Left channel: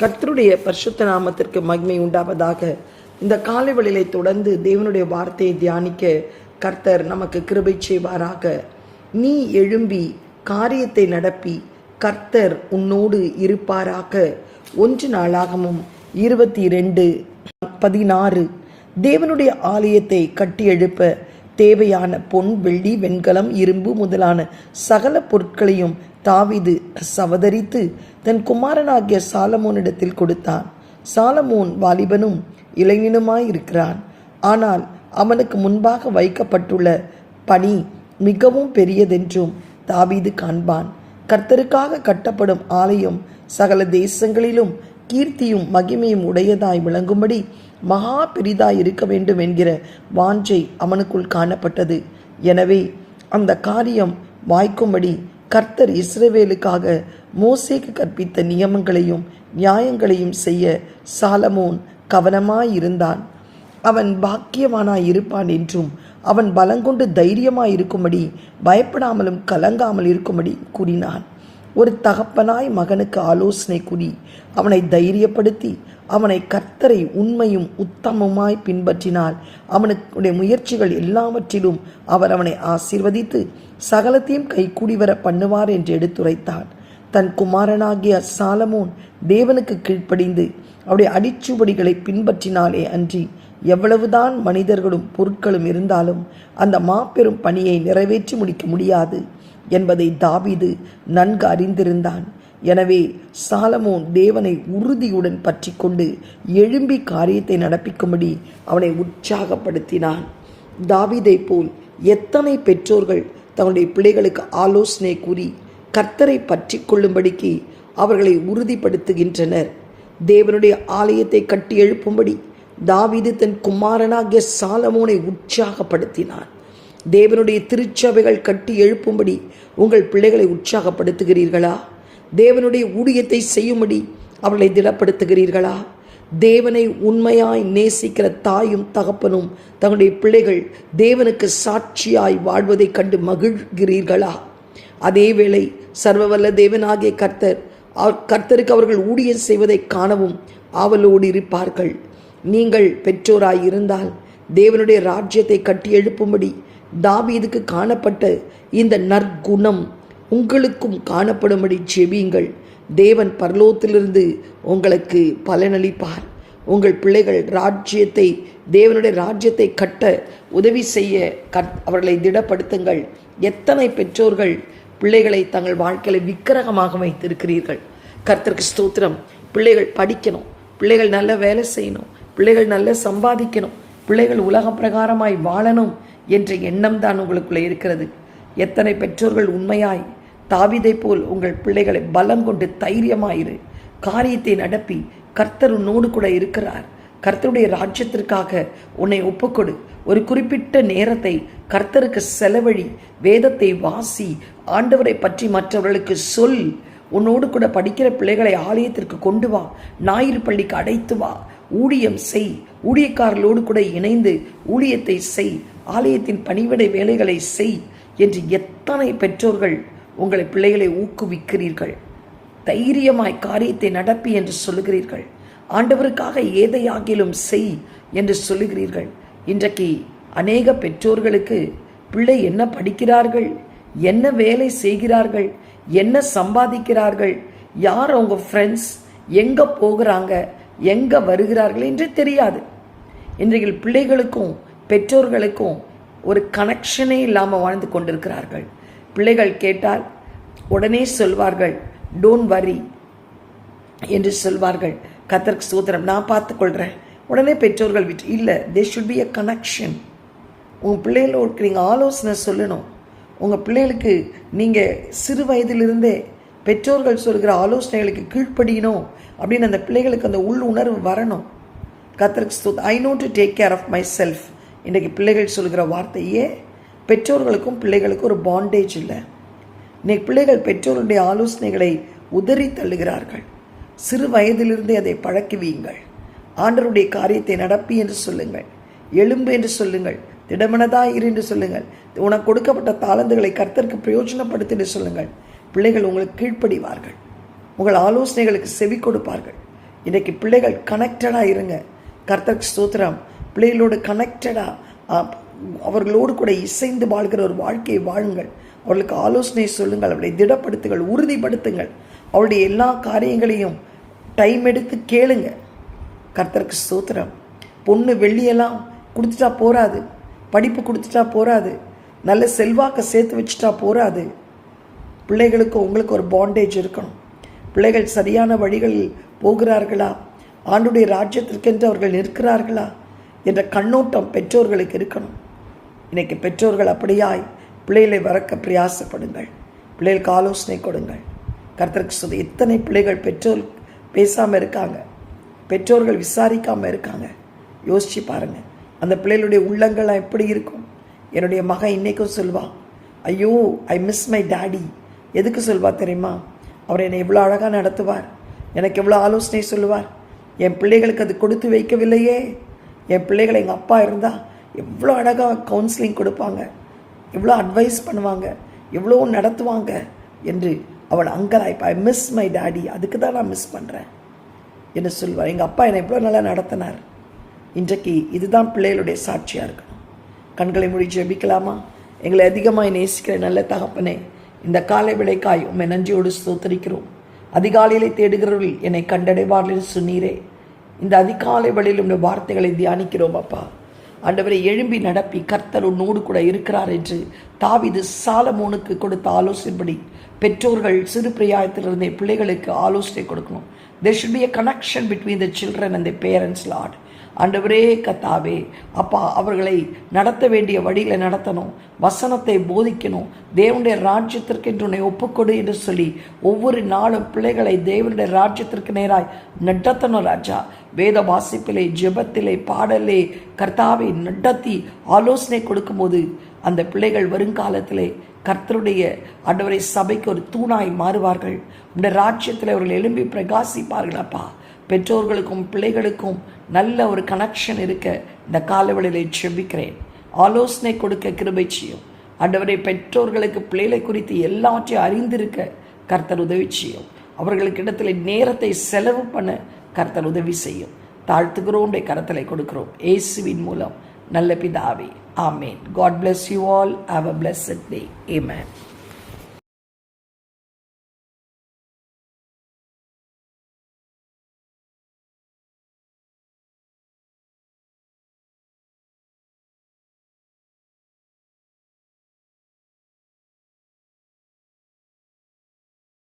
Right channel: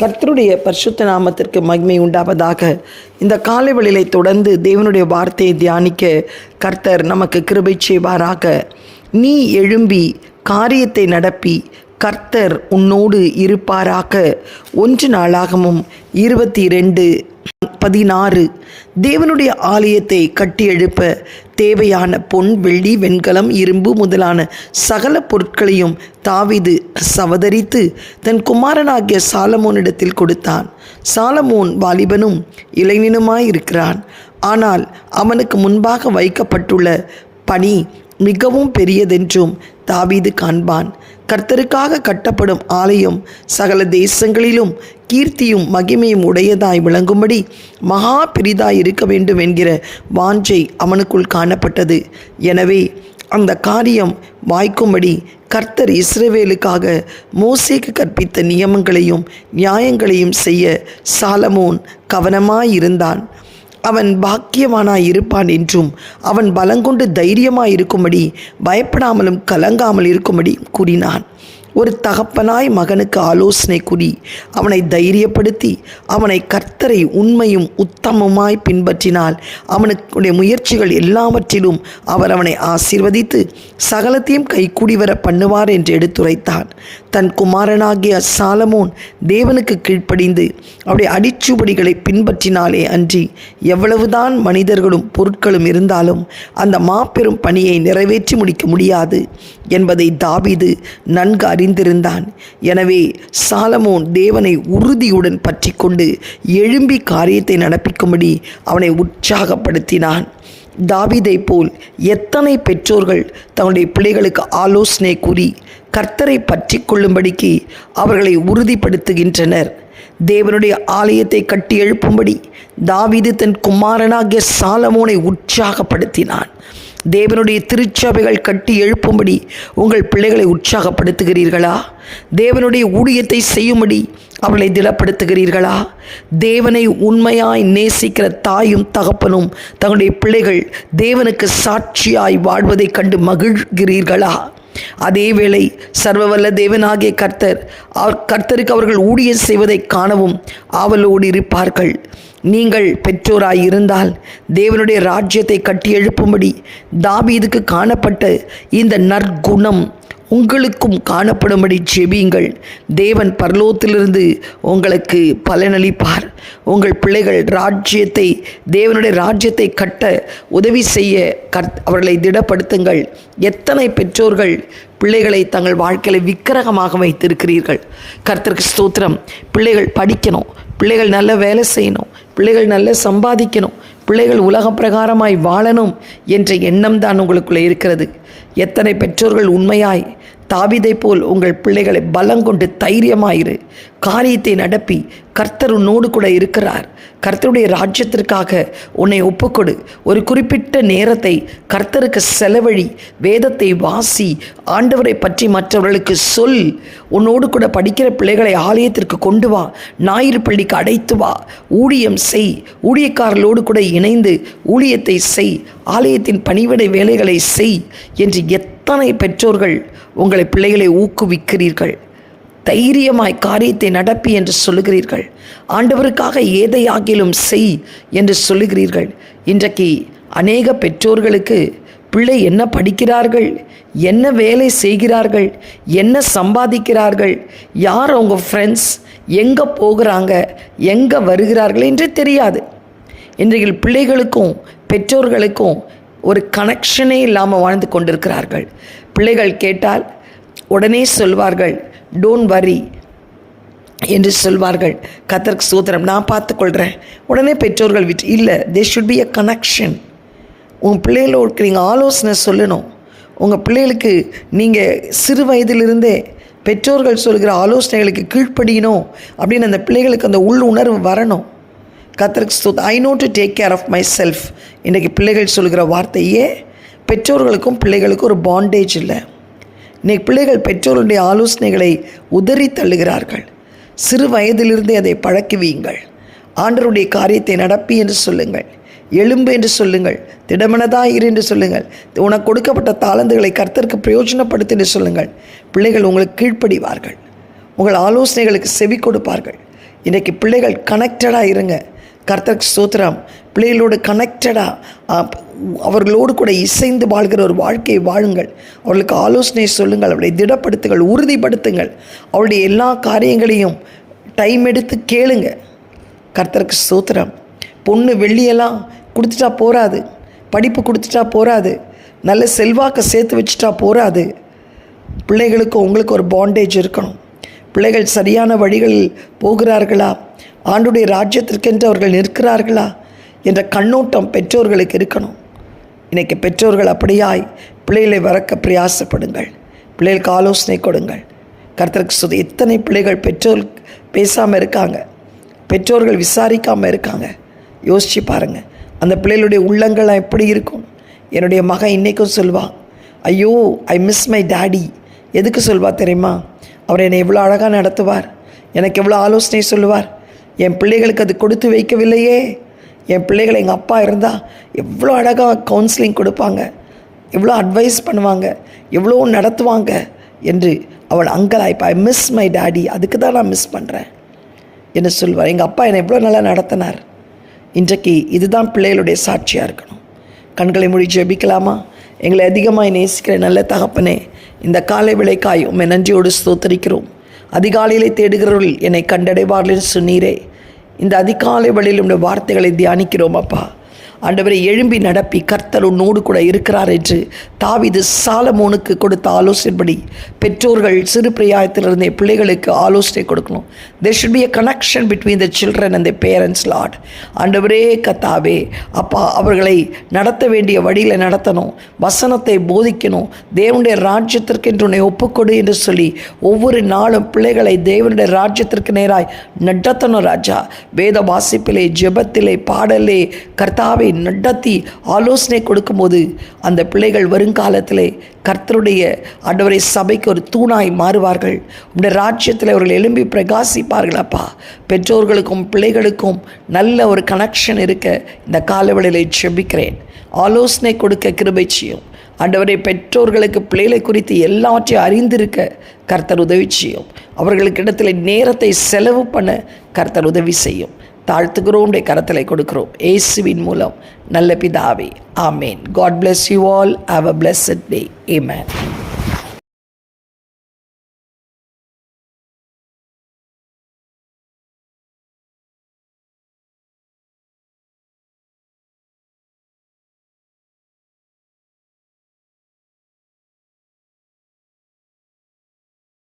கர்த்தருடைய பரிசுத்த நாமத்திற்கு மகிமை உண்டாவதாக. இந்த காலை வேளையிலே தொடர்ந்து தேவனுடைய வார்த்தையை தியானிக்க கர்த்தர் நமக்கு கிருபை செய்வாராக. நீ எழும்பி காரியத்தை நடப்பி கர்த்தர் உன்னோடு இருப்பாராக. ஒன்று நாளாகமும் இருபத்தி ரெண்டு பதினாறு. தேவனுடைய ஆலயத்தை கட்டி எழுப்ப தேவையான பொன் வெள்ளி வெண்கலம் இரும்பு முதலான சகல பொருட்களையும் தாவீது சவதரித்து தன் குமாரனாகிய சாலமோனிடத்தில் கொடுத்தான். சாலமோன் வாலிபனும் இளைஞனுமாயிருக்கிறான். ஆனால் அவனுக்கு முன்பாக வைக்கப்பட்டுள்ள பணி மிகவும் பெரியதென்றும் தாவீது காண்பான். கர்த்தருக்காக கட்டப்படும் ஆலயம் சகல தேசங்களிலும் கீர்த்தியும் மகிமையும் உடையதாய் விளங்கும்படி மகா பெரிதாய் இருக்க வேண்டும் என்கிற வாஞ்சை அவனுக்குள் காணப்பட்டது. எனவே அந்த காரியம் வாய்க்கும்படி கர்த்தர் இஸ்ரவேலுக்காக மோசேக்கு கற்பித்த நியமங்களையும் நியாயங்களையும் செய்ய சாலமோன் கவனமாயிருந்தான். அவன் பாக்கியவானாய் இருப்பான் என்றும் அவன் பலங்கொண்டு தைரியமாய் இருக்கும்படி பயப்படாமலும் கலங்காமல் இருக்கும்படி கூறினான். ஒரு தகப்பனாய் மகனுக்கு ஆலோசனை கூறி அவனை தைரியப்படுத்தி அவனை கர்த்தரை உண்மையும் உத்தமமாய் பின்பற்றினால் அவனுடைய முயற்சிகள் எல்லாவற்றிலும் அவர் அவனை ஆசீர்வதித்து சகலத்தையும் கைக்கூடி வர பண்ணுவார் என்று எடுத்துரைத்தான். தன் குமாரனாகிய சாலமோன் தேவனுக்கு கீழ்ப்படிந்து அவருடைய அடிச்சுவடிகளை பின்பற்றினாலே அன்றி எவ்வளவுதான் மனிதர்களும் பொருட்களும் இருந்தாலும் அந்த மாபெரும் பணியை நிறைவேற்றி முடிக்க முடியாது என்பதை தாவிது நன்கு அறிந்திருந்தான். எனவே சாலமோன் தேவனை உறுதியுடன் பற்றி கொண்டு எழும்பி காரியத்தை நடப்பிக்கும்படி அவனை உற்சாகப்படுத்தினான். தாவிதை போல் எத்தனை பெற்றோர்கள் தன்னுடைய பிள்ளைகளுக்கு ஆலோசனை கூறி கர்த்தரை பற்றி கொள்ளும்படிக்கு அவர்களை உறுதிப்படுத்துகின்றனர். தேவனுடைய ஆலயத்தை கட்டி எழுப்பும்படி தாவீது தன் குமாரனாகிய சாலமோனை உற்சாகப்படுத்தினான். தேவனுடைய திருச்சபைகள் கட்டி எழுப்பும்படி உங்கள் பிள்ளைகளை உற்சாகப்படுத்துகிறீர்களா? தேவனுடைய ஊழியத்தை செய்யும்படி அவளை திடப்படுத்துகிறீர்களா? தேவனை உண்மையாய் நேசிக்கிற தாயும் தகப்பனும் தங்களுடைய பிள்ளைகள் தேவனுக்கு சாட்சியாய் வாழ்வதைக் கண்டு மகிழ்கிறீர்களா? அதேவேளை சர்வவல்ல தேவனாகிய கர்த்தர் கர்த்தருக்கு அவர்கள் ஊழியம் செய்வதை காணவும் ஆவலோடு இருப்பார்கள். நீங்கள் பெற்றோராயிருந்தால் தேவனுடைய ராஜ்யத்தை கட்டி எழுப்பும்படி தாபீதுக்கு காணப்பட்ட இந்த நற்குணம் உங்களுக்கும் காணப்படும்படி ஜெபியுங்கள். தேவன் பரலோகத்திலிருந்து உங்களுக்கு பலனளிப்பார். உங்கள் பிள்ளைகள் ராஜ்யத்தை தேவனுடைய ராஜ்யத்தை கட்ட உதவி செய்ய கர்த் அவர்களை திடப்படுத்துங்கள். எத்தனை பெற்றோர்கள் பிள்ளைகளை தங்கள் வாழ்க்கையில் விக்கிரகமாக வைத்திருக்கிறீர்கள்? கர்த்தருக்கு ஸ்தோத்திரம். பிள்ளைகள் படிக்கணும். பிள்ளைகள் நல்ல வேலை செய்யணும் பிள்ளைகள் நல்ல சம்பாதிக்கணும் பிள்ளைகள் உலக பிரகாரமாய் வாழணும் என்ற எண்ணம் தான் உங்களுக்குள்ளே இருக்கிறது. எத்தனை பெற்றோர்கள் உண்மையாய் தாவிதை போல் உங்கள் பிள்ளைகளை பலங்கொண்டு தைரியமாயிரு. காரியத்தை நடப்பி கர்த்தர் உன்னோடு கூட இருக்கிறார். கர்த்தருடைய ராஜ்யத்திற்காக உன்னை ஒப்புக்கொடு. ஒரு குறிப்பிட்ட நேரத்தை கர்த்தருக்கு செலவழி வேதத்தை வாசி ஆண்டவரை பற்றி மற்றவர்களுக்கு சொல். உன்னோடு கூட படிக்கிற பிள்ளைகளை ஆலயத்திற்கு கொண்டு வா. ஞாயிறு பள்ளிக்கு அடைத்து வா. ஊழியம் செய். ஊழியக்காரர்களோடு கூட இணைந்து ஊழியத்தை செய். ஆலயத்தின் பணிவிடை வேலைகளை செய் என்று எத்தனை பெற்றோர்கள் உங்களை பிள்ளைகளை ஊக்குவிக்கிறீர்கள். தைரியமாய் காரியத்தை நடப்பி என்று சொல்லுகிறீர்கள். ஆண்டவருக்காக ஏதையாகிலும் செய் என்று சொல்லுகிறீர்கள். இன்றைக்கு அநேக பெற்றோர்களுக்கு பிள்ளை என்ன படிக்கிறார்கள்? என்ன வேலை செய்கிறார்கள்? என்ன சம்பாதிக்கிறார்கள்? யார் அவங்க ஃப்ரெண்ட்ஸ் எங்கே போகிறாங்க? எங்கே வருகிறார்கள் என்று தெரியாது. இன்றைக்கு பிள்ளைகளுக்கும் பெற்றோர்களுக்கும் ஒரு கனெக்ஷனே இல்லாமல் வாழ்ந்து கொண்டிருக்கிறார்கள். பிள்ளைகள் கேட்டால் உடனே சொல்வார்கள் டோன்ட் வரி என்று சொல்வார்கள். கத்தருக்கு சூத்திரம் நான் பார்த்துக்கொள்கிறேன் உடனே பெற்றோர்கள் விட்டு இல்லை they should be a connection உங்கள் பிள்ளைகளோடு நீங்கள் ஆலோசனை சொல்லணும். உங்கள் பிள்ளைகளுக்கு நீங்கள் சிறு வயதிலிருந்தே பெற்றோர்கள் சொல்கிற ஆலோசனைகளுக்கு கீழ்ப்படியணும். அப்படின்னு அந்த பிள்ளைகளுக்கு அந்த உள் உணர்வு வரணும். கத்தருக்கு should I know to take care of myself இன்றைக்கி பிள்ளைகள் சொல்கிற வார்த்தையே பெற்றோர்களுக்கும் பிள்ளைகளுக்கும் ஒரு பாண்டேஜ் இல்லை. இன்னைக்கு பிள்ளைகள் பெற்றோருடைய ஆலோசனைகளை உதறி தள்ளுகிறார்கள். சிறு வயதிலிருந்தே அதை பழக்குவீங்கள் ஆண்டருடைய காரியத்தை நடப்பி என்று சொல்லுங்கள். எலும்பு என்று சொல்லுங்கள். திடமனதா இரு என்று சொல்லுங்கள். உனக்கு கொடுக்கப்பட்ட தாளந்துகளை கர்த்தருக்கு பிரயோஜனப்படுத்து என்று சொல்லுங்கள். பிள்ளைகள் உங்களுக்கு கீழ்ப்படிவார்கள். உங்கள் ஆலோசனைகளுக்கு செவி கொடுப்பார்கள். இன்றைக்கி பிள்ளைகள் கனெக்டடாக இருங்க. கர்த்தருக்கு ஸ்தோத்திரம். பிள்ளைகளோடு கனெக்டடாக அவர்களோடு கூட இசைந்து வாழ்கிற ஒரு வாழ்க்கையை வாழுங்கள். அவர்களுக்கு ஆலோசனை சொல்லுங்கள் அவளை திடப்படுத்துங்கள் உறுதிப்படுத்துங்கள். அவளுடைய எல்லா காரியங்களையும் டைம் எடுத்து கேளுங்க. கர்த்தருக்கு ஸ்தோத்திரம். பொண்ணு வெள்ளியெல்லாம் கொடுத்துட்டா போகாது படிப்பு கொடுத்துட்டா போகாது நல்ல செல்வாக்கை சேர்த்து வச்சுட்டா போகாது பிள்ளைகளுக்கு உங்களுக்கு ஒரு பாண்டேஜ் இருக்கணும். பிள்ளைகள் சரியான வழிகளில் போகிறார்களா? ஆண்டுடைய ராஜ்யத்திற்கென்று அவர்கள் நிற்கிறார்களா என்ற கண்ணோட்டம் பெற்றோர்களுக்கு இருக்கணும். இன்றைக்கி பெற்றோர்கள் அப்படியாய் பிள்ளைகளை வறக்க பிரயாசப்படுங்கள். பிள்ளைகளுக்கு ஆலோசனை கொடுங்கள். கருத்தருக்கு சுத எத்தனை பிள்ளைகள் பெற்றோர் பேசாமல் இருக்காங்க? பெற்றோர்கள் விசாரிக்காமல் இருக்காங்க. யோசித்து பாருங்கள் அந்த பிள்ளைகளுடைய உள்ளங்கள்லாம் எப்படி இருக்கும்? என்னுடைய மகன் இன்றைக்கும் சொல்வான் ஐயோ ஐ மிஸ் மை டேடி எதுக்கு சொல்வா தெரியுமா? அவர் என்னை எவ்வளோ அழகாக நடத்துவார். எனக்கு எவ்வளோ ஆலோசனை சொல்லுவார். என் பிள்ளைகளுக்கு அது கொடுத்து வைக்கவில்லையே. என் பிள்ளைகள் எங்கள் அப்பா இருந்தால் எவ்வளோ அழகாக கவுன்சிலிங் கொடுப்பாங்க. எவ்வளோ அட்வைஸ் பண்ணுவாங்க. எவ்வளோ நடத்துவாங்க என்று அவள் அங்கலாய்ப்பா ஐ மிஸ் மை டாடி அதுக்கு தான் நான் மிஸ் பண்ணுறேன் என்று சொல்வார். எங்கள் அப்பா என்னை எவ்வளோ நல்லா நடத்தினார். இன்றைக்கு இதுதான் பிள்ளைகளுடைய சாட்சியாக இருக்கணும். கண்களை மொழி ஜெபிக்கலாமா? எங்களை அதிகமாக நேசிக்கிற நல்ல தகப்பனே இந்த காலை விளைக்காய் உண்மை நன்றியோடு ஸ்தோத்தரிக்கிறோம். அதிகாலையிலே தேடுகிறவர்கள் என்னை கண்டடைவார்கள் சொன்னீரே. இந்த அதிகாலை வழியில் உடைய வார்த்தைகளை தியானிக்கிறோம் அப்பா. ஆண்டவரை எழும்பி நடப்பி கர்த்தர் உன்னோடு கூட இருக்கிறார் என்று தாவிது சாலமோனுக்கு கொடுத்த ஆலோசனைப்படி பெற்றோர்கள் சிறு பிரியாயத்திலிருந்தே பிள்ளைகளுக்கு ஆலோசனை கொடுக்கணும். There should be a connection between the children and the parents Lord ஆண்டவரே கத்தாவே அப்பா அவர்களை நடத்த வேண்டிய வழியில் நடத்தணும். வசனத்தை போதிக்கணும். தேவனுடைய ராஜ்யத்திற்கு உன்னை ஒப்புக்கொடு என்று சொல்லி ஒவ்வொரு நாளும் பிள்ளைகளை தேவனுடைய ராஜ்யத்திற்கு நேராய் நடத்தணும் ராஜா. வேத வாசிப்பிலே ஜெபத்திலே பாடலே கர்த்தாவை நடத்தி ஆலோசனை கொடுக்கும்போது அந்த பிள்ளைகள் வருங்காலத்திலே கர்த்தருடைய ஆண்டவரை சபைக்கு ஒரு தூணாய் மாறுவார்கள். உடைய ராஜ்யத்தில் அவர்கள் எழும்பி பிரகாசிப்பார்கள் அப்பா. பெற்றோர்களுக்கும் பிள்ளைகளுக்கும் நல்ல ஒரு கனெக்ஷன் இருக்க இந்த காலவெளியில் செபிக்கிறேன் ஆலோசனை கொடுக்க கிருபை செய்யும். ஆண்டவரை பெற்றோர்களுக்கு பிள்ளைகளை குறித்து எல்லாவற்றையும் அறிந்திருக்க கர்த்தர் உதவி செய்யும். அவர்களுக்கு இடத்துல நேரத்தை செலவு பண்ண கர்த்தர் உதவி செய்யும். தாழ்த்துகிறோம் உடைய கரத்தில் கொடுக்கிறோம். ஏசுவின் மூலம் நல்ல பிதாவே. ஆமேன். God bless you all have a blessed day ஏமேன்